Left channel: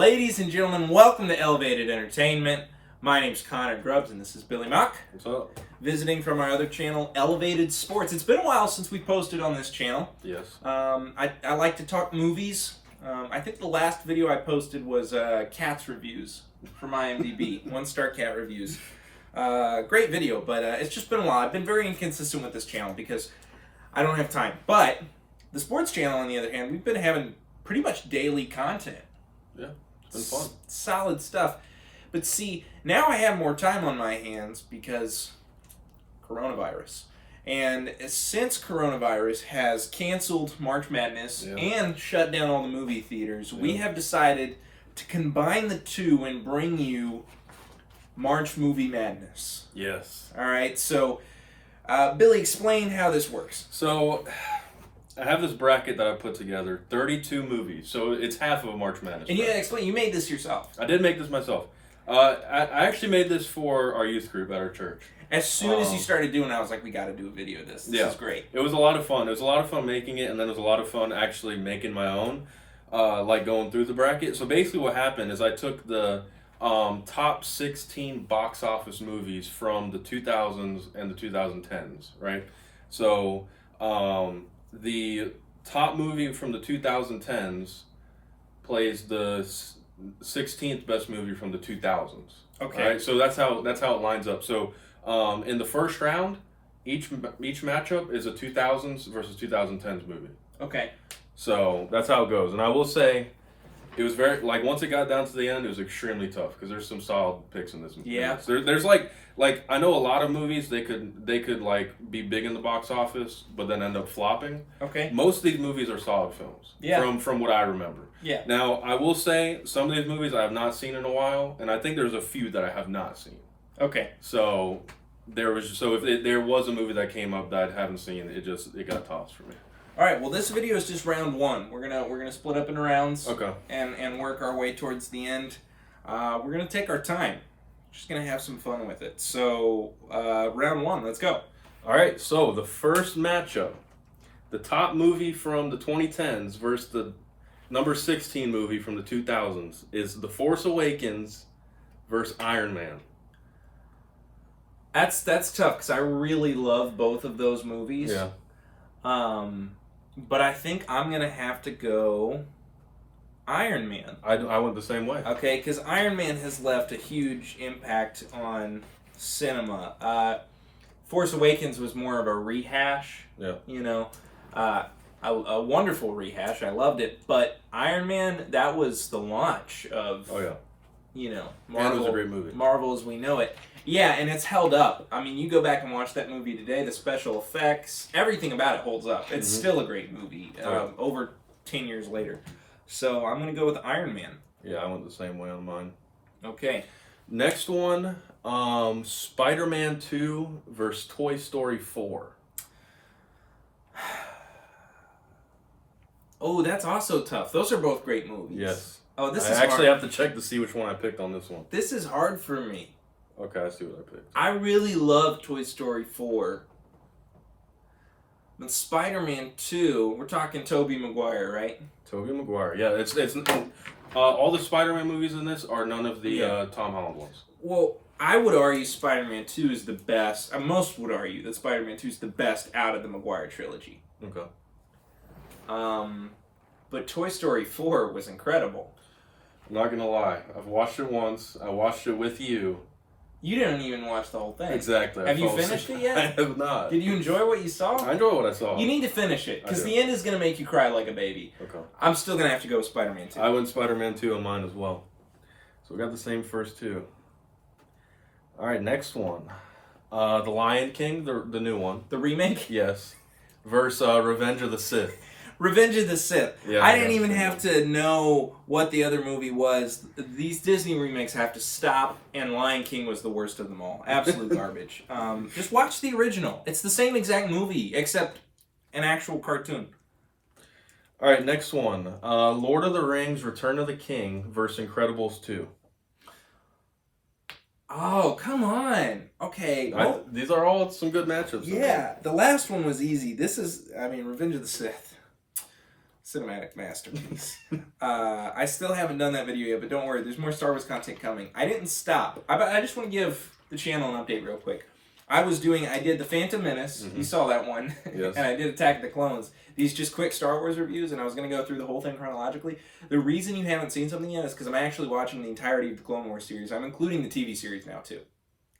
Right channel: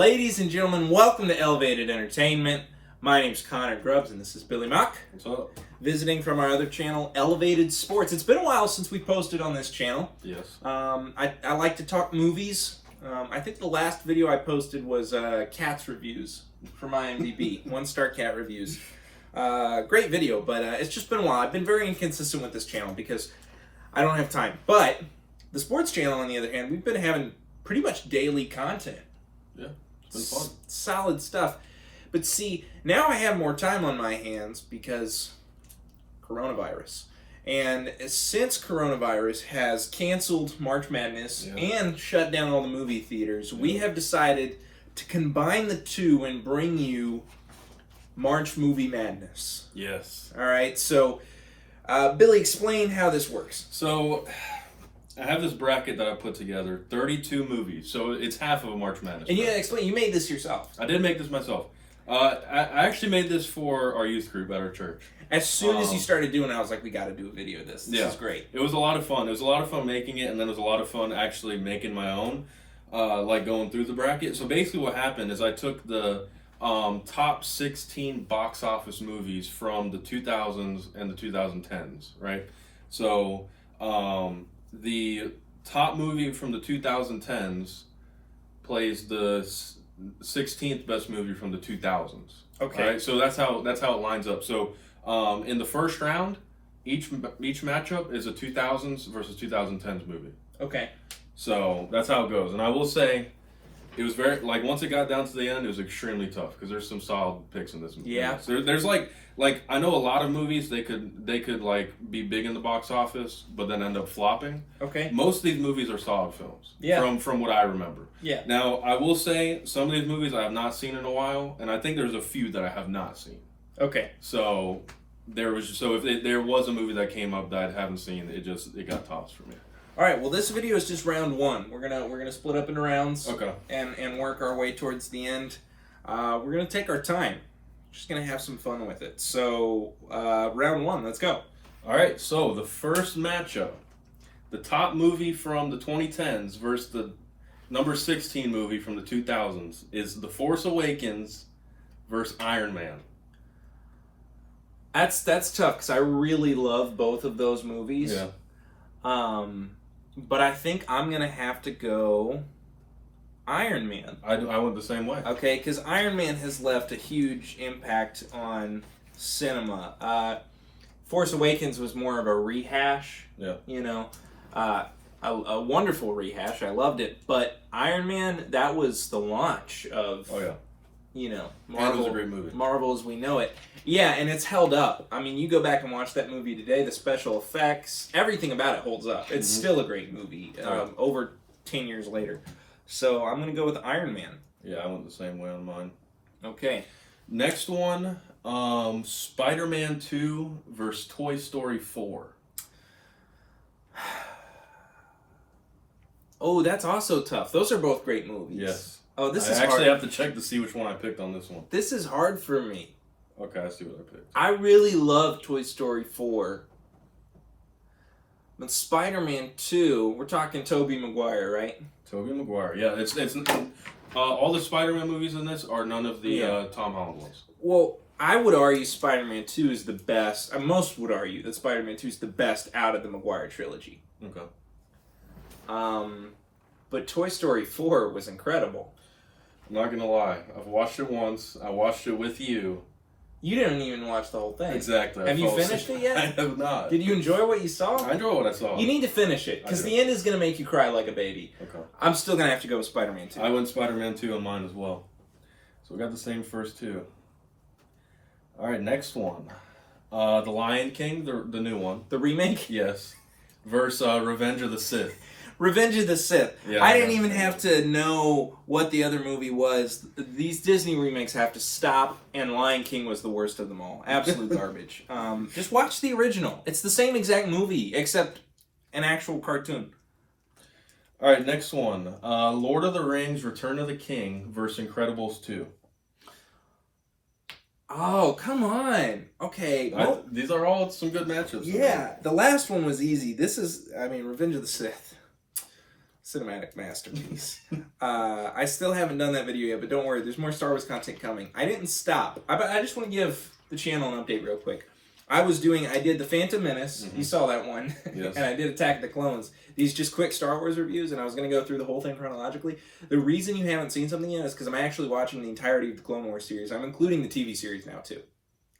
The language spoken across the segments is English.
Ladies and gentlemen, welcome to Elevated Entertainment. My name's Connor Grubbs, and this is Billy Mock. What's up? Visiting from our other channel, Elevated Sports. It's been a while since we posted on this channel. Yes. I like to talk movies. I think the last video I posted was Cats reviews from IMDb. 1-star cat reviews. Great video, but it's just been a while. I've been very inconsistent with this channel because I don't have time. But the sports channel, on the other hand, we've been having pretty much daily content. Yeah, it's been fun. Solid stuff. But see, now I have more time on my hands because coronavirus. And since coronavirus has canceled March Madness and shut down all the movie theaters, we have decided to combine the two and bring you March Movie Madness. Yes. All right, so Billy, explain how this works. So, I have this bracket that I put together, 32 movies, so it's half of a March Madness. And you made this yourself. I did make this myself. I actually made this for our youth group at our church. As soon as you started doing it, I was like, we got to do a video of this. This is great. It was a lot of fun. It was a lot of fun making it, and then it was a lot of fun actually making my own, like going through the bracket. So basically what happened is I took the top 16 box office movies from the 2000s and the 2010s, right? So the top movie from the 2010s plays the 16th best movie from the 2000s. Okay. Right? So that's how it lines up. So in the first round, each matchup is a 2000s versus 2010s movie. Okay. So that's how it goes. And I will say, it was very, like, once it got down to the end, it was extremely tough because there's some solid picks in this movie. Yeah. There's like I know a lot of movies they could like be big in the box office but then end up flopping. Okay. Most of these movies are solid films. Yeah. From what I remember. Yeah. Now I will say some of these movies I have not seen in a while, and I think there's a few that I have not seen. Okay. So if there was a movie that came up that I haven't seen, it got tossed for me. All right. Well, this video is just round one. We're gonna split up into rounds. Okay. And work our way towards the end. We're gonna take our time. Just gonna have some fun with it. So round one, let's go. All right. So the first matchup, the top movie from the 2010s versus the number 16 movie from the 2000s is The Force Awakens versus Iron Man. That's tough because I really love both of those movies. Yeah. But I think I'm gonna have to go Iron Man. I went the same way. Okay, because Iron Man has left a huge impact on cinema. Force Awakens was more of a rehash. Yeah. You know, a wonderful rehash. I loved it. But Iron Man, that was the launch of. Oh yeah. You know, Marvel. It was a great movie. Marvel as we know it. Yeah, and it's held up. I mean, you go back and watch that movie today, the special effects, everything about it holds up. It's still a great movie, over 10 years later. So I'm going to go with Iron Man. Yeah, I went the same way on mine. Okay. Next one, Spider-Man 2 versus Toy Story 4. Oh, that's also tough. Those are both great movies. Yes. Oh, this I is actually hard. have to check to see which one I picked on this one. This is hard for me. Okay, I see what I picked. I really love Toy Story 4. But Spider-Man 2, we're talking Tobey Maguire, right? Tobey Maguire. Yeah, it's all the Spider-Man movies in this are none of the Tom Holland ones. Well, I would argue Spider-Man 2 is the best. Most would argue that Spider-Man 2 is the best out of the Maguire trilogy. Okay. But Toy Story 4 was incredible. I'm not gonna lie. I've watched it once. I watched it with you. You didn't even watch the whole thing. Exactly. Have you finished it yet? I have not. Did you enjoy what you saw? I enjoyed what I saw. You need to finish it, because the end is going to make you cry like a baby. Okay. I'm still going to have to go with Spider-Man 2. I went Spider-Man 2 on mine as well. So we got the same first two. All right, next one. The Lion King, the new one. The remake? Yes. Versus Revenge of the Sith. Revenge of the Sith. Yeah, I didn't even have to know what the other movie was. These Disney remakes have to stop, and Lion King was the worst of them all. Absolute garbage. Just watch the original. It's the same exact movie, except an actual cartoon. All right, next one. Lord of the Rings, Return of the King versus Incredibles 2. Oh, come on. Okay. These are all some good matchups. Yeah, the last one was easy. This is, Revenge of the Sith. cinematic masterpiece. I still haven't done that video yet, but don't worry, there's more Star Wars content coming. I didn't stop. I just want to give the channel an update real quick. I did the Phantom Menace. You saw that one. Yes. And I did Attack of the Clones. These just quick Star Wars reviews, and I was going to go through the whole thing chronologically. The reason you haven't seen something yet is because I'm actually watching the entirety of the Clone Wars series. I'm including the TV series now, too.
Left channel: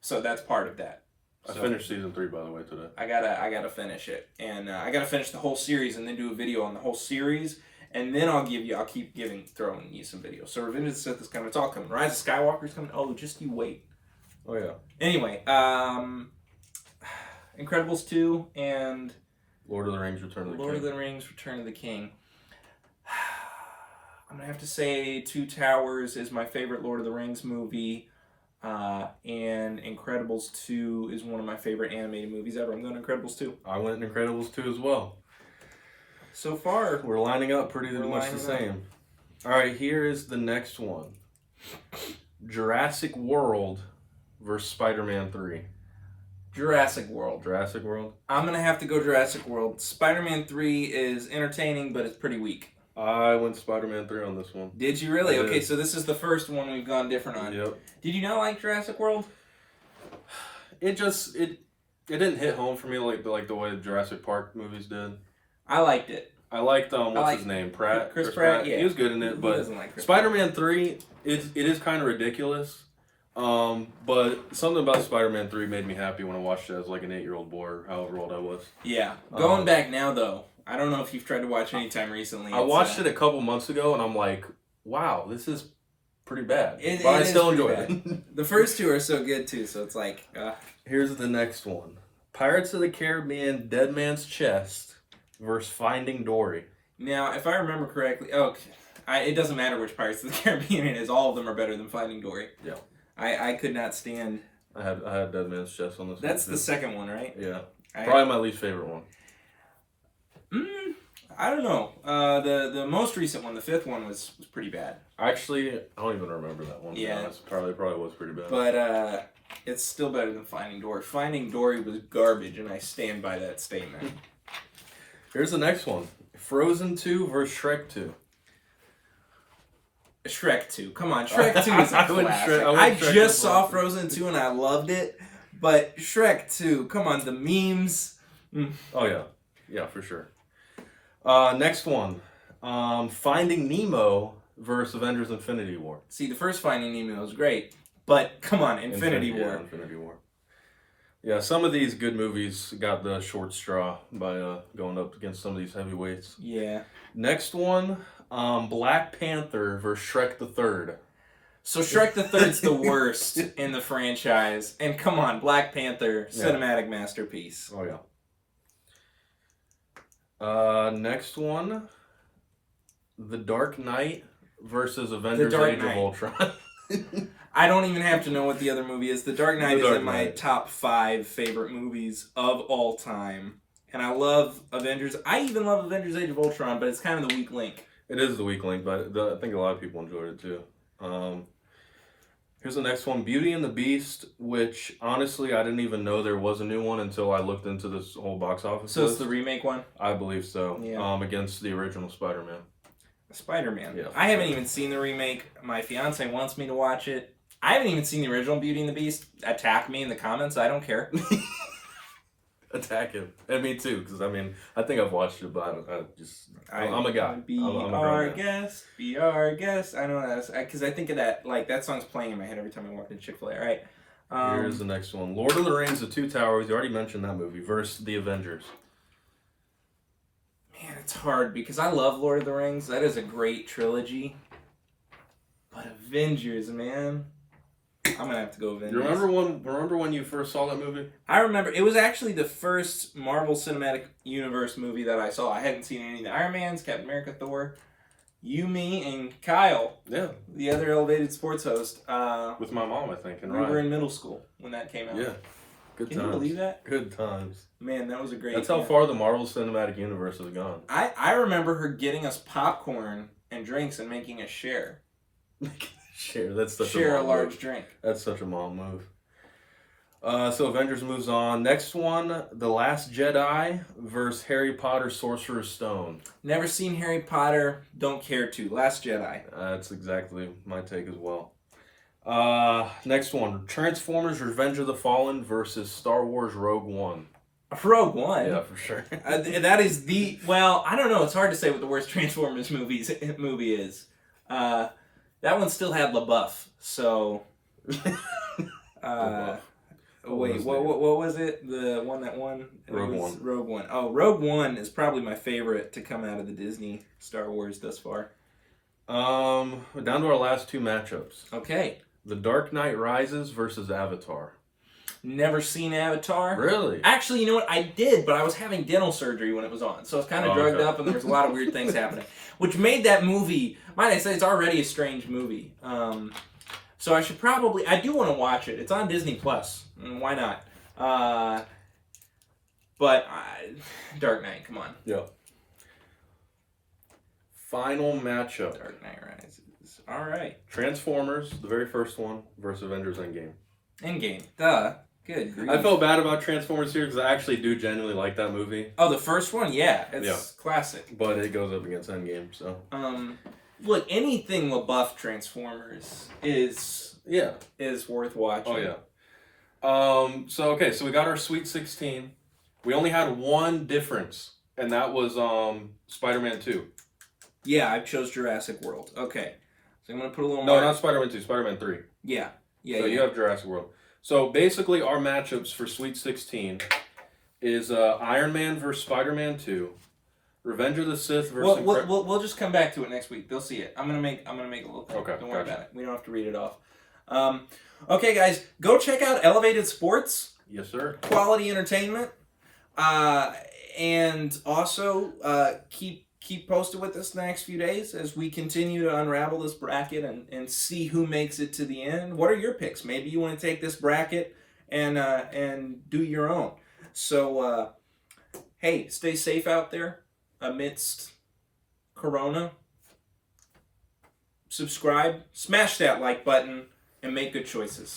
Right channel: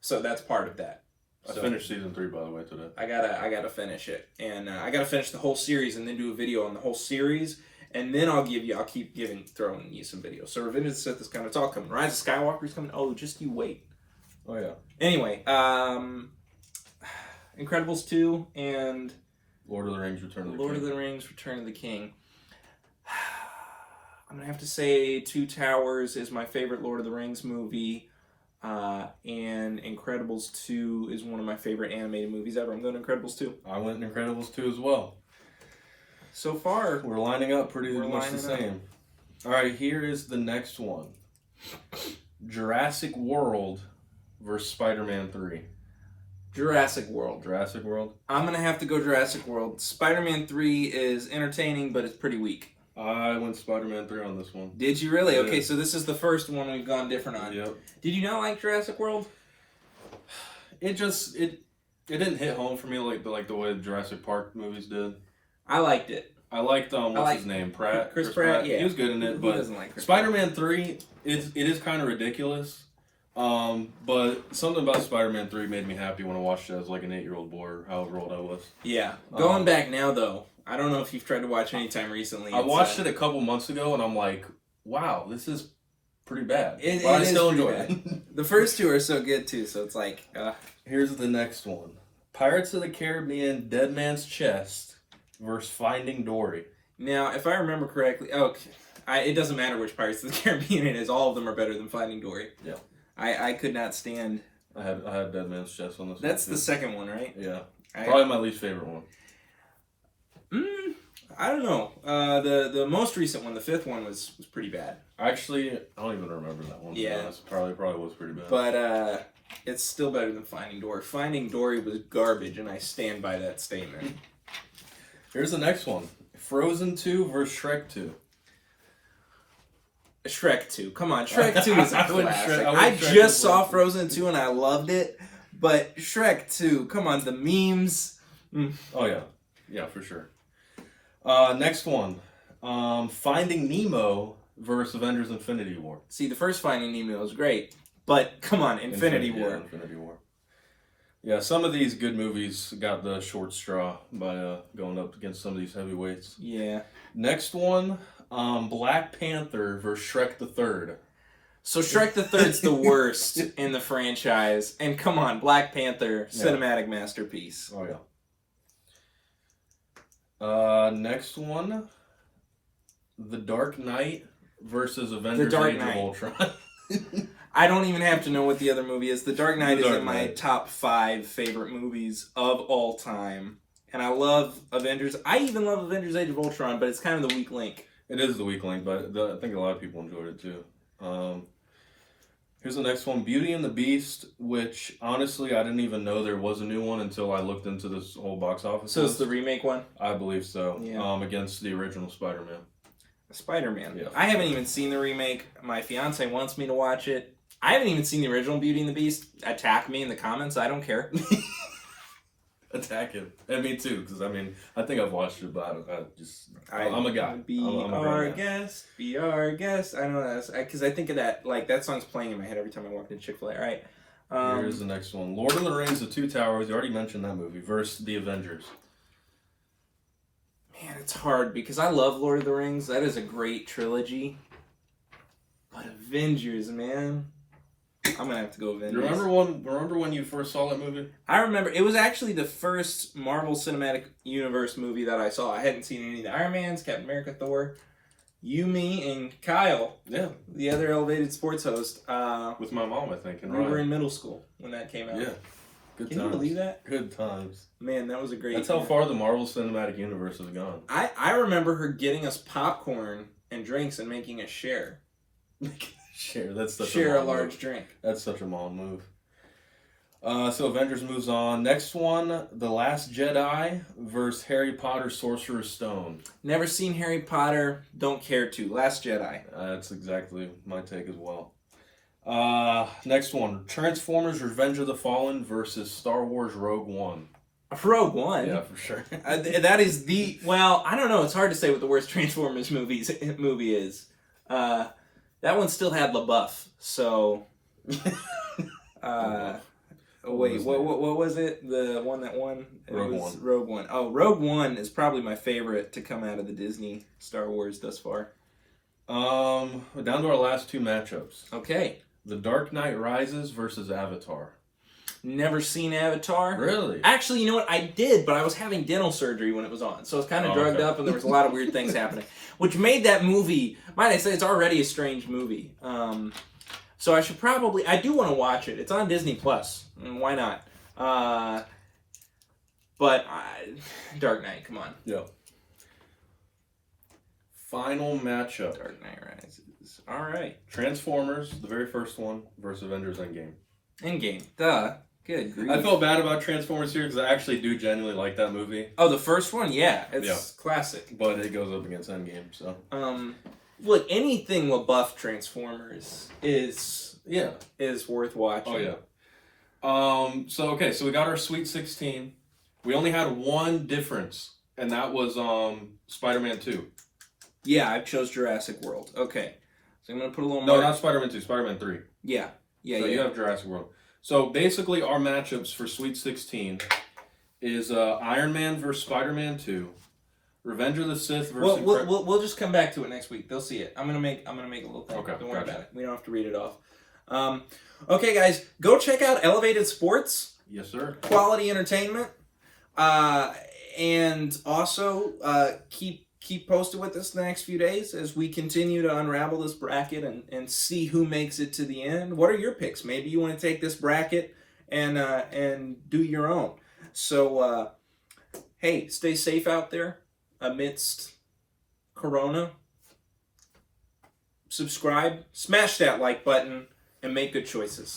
So that's part of that. I finished season 3, by the way, today. I gotta finish it, and I gotta finish the whole series, and then do a video on the whole series, and then I'll keep throwing you some videos. So Revenge of the Sith is coming. It's all coming. Rise of Skywalker is coming. Oh, just you wait. Oh yeah. Anyway, Incredibles 2 and Lord of the Rings: Return of the King. I'm gonna have to say Two Towers is my favorite Lord of the Rings movie. And Incredibles 2 is one of my favorite animated movies ever. I'm going Incredibles 2. I went Incredibles 2 as well. So far, we're lining up pretty much the same. All right, here is the next one. Jurassic World versus Spider-Man 3. Jurassic World. Jurassic World? I'm going to have to go Jurassic World. Spider-Man 3 is entertaining, but it's pretty weak. I went Spider-Man 3 on this one. Did you really? Okay, so this is the first one we've gone different on. Yep. Did you not like Jurassic World? It didn't hit home for me like the way the Jurassic Park movies did. I liked it. I liked his name? Pratt. Chris Pratt. Yeah, he was good in it. But doesn't like Chris Spider-Man 3, it is kind of ridiculous. But something about Spider-Man 3 made me happy when I watched it as like an 8-year-old boy or however old I was. Yeah. Going back now though, I don't know if you've tried to watch any time recently. I watched it a couple months ago and I'm like, wow, this is pretty bad. But I still enjoy it. The first two are so good too, so it's like... Here's the next one. Pirates of the Caribbean: Dead Man's Chest versus Finding Dory. Now, if I remember correctly... it doesn't matter which Pirates of the Caribbean it is. All of them are better than Finding Dory. Yeah. I could not stand... I had Dead Man's Chest on this. That's the second one, right? Yeah. Probably my least favorite one. I don't know. The most recent one, the fifth one, was pretty bad. Actually, I don't even remember that one. Yeah. Probably was pretty bad. But it's still better than Finding Dory. Finding Dory was garbage, and I stand by that statement. Here's the next one. Frozen 2 versus Shrek 2. Shrek 2. Come on, Shrek 2 is a classic. I just saw Frozen 2 and I loved it, but Shrek 2, come on, the memes. Oh, yeah. Yeah, for sure. Next one. Finding Nemo versus Avengers Infinity War. See, the first Finding Nemo was great, but come on, Infinity War. Yeah, Infinity War. Yeah, some of these good movies got the short straw by going up against some of these heavyweights. Yeah. Next one, Black Panther versus Shrek the Third. So Shrek the Third's the worst in the franchise, and come on, Black Panther, cinematic masterpiece. Oh yeah. Next one, The Dark Knight versus Avengers: Age of Ultron. I don't even have to know what the other movie is. The Dark Knight is in my top 5 favorite movies of all time. And I love Avengers. I even love Avengers: Age of Ultron, but it's kind of the weak link. It is the weak link, but I think a lot of people enjoyed it too. Here's the next one, Beauty and the Beast, which honestly I didn't even know there was a new one until I looked into this whole box office. So it's the remake one? I believe so. Yeah. Against the original Spider-Man. Spider-Man. Yeah, I haven't even seen the remake. My fiance wants me to watch it. I haven't even seen the original Beauty and the Beast. Attack me in the comments. I don't care. Attack him. And me too, because I think I've watched it, but I'm a guy. Be our guest. Be our guest. I know that because I think of that, like, that song's playing in my head every time I walk into Chick-fil-A. All right. Here's the next one. Lord of the Rings: The Two Towers. You already mentioned that movie. Versus The Avengers. Man, it's hard because I love Lord of the Rings. That is a great trilogy. But Avengers, man. I'm gonna have to go Avengers. Remember when you first saw that movie? I remember. It was actually the first Marvel Cinematic Universe movie that I saw. I hadn't seen any of the Iron Mans, Captain America, Thor. You, me, and Kyle. Yeah. The other elevated sports host. With my mom, I think. And we were in middle school when that came out. Yeah. Good Can times. you believe that? Good times. Man, that was a great... That's how far the Marvel Cinematic Universe has gone. I remember her getting us popcorn and drinks and making us share. Share. That's such share a large drink. That's such a mom move. So Avengers moves on. Next one, The Last Jedi versus Harry Potter Sorcerer's Stone. Never seen Harry Potter. Don't care to. Last Jedi. That's exactly my take as well. Next one, Transformers Revenge of the Fallen versus Star Wars Rogue One. Rogue One? Yeah, for sure. That is the... Well, I don't know. It's hard to say what the worst Transformers movie is. That one still had LaBeouf, so... Wait, what was it? The one that won? Rogue One. Rogue One. Oh, Rogue One is probably my favorite to come out of the Disney Star Wars thus far. Down to our last two matchups. Okay. The Dark Knight Rises versus Avatar. Never seen Avatar. Really? Actually, you know what? I did, but I was having dental surgery when it was on. So I was kind of drugged up and there was a lot of weird things happening. Which made that movie, might I say, it's already a strange movie. So I should probably, I do want to watch it. It's on Disney Plus. Why not? But Dark Knight, come on. Yeah. Final matchup. Dark Knight Rises. All right. Transformers, the very first one, versus Avengers Endgame. Endgame. Duh. Good grief. I felt bad about Transformers here because I actually do genuinely like that movie. Oh, the first one? Yeah. It's classic. But it goes up against Endgame, so. Look, anything LaBeouf Transformers is worth watching. Oh, yeah. So we got our Sweet 16. We only had one difference, and that was Spider-Man 2. Yeah, I chose Jurassic World. Okay. So I'm going to put a little No, more... not Spider-Man 2, Spider-Man 3. Yeah. So you have Jurassic World. So basically our matchups for Sweet 16 is Iron Man versus Spider-Man 2, Revenge of the Sith versus... We'll just come back to it next week. They'll see it. I'm gonna make a little thing. Okay, Don't worry about it. We don't have to read it off. Okay, guys, go check out Elevated Sports. Yes, sir. Quality entertainment. And also keep posted with us the next few days as we continue to unravel this bracket and see who makes it to the end. What are your picks? Maybe you want to take this bracket and do your own. So, hey, stay safe out there amidst Corona. Subscribe, smash that like button, and make good choices.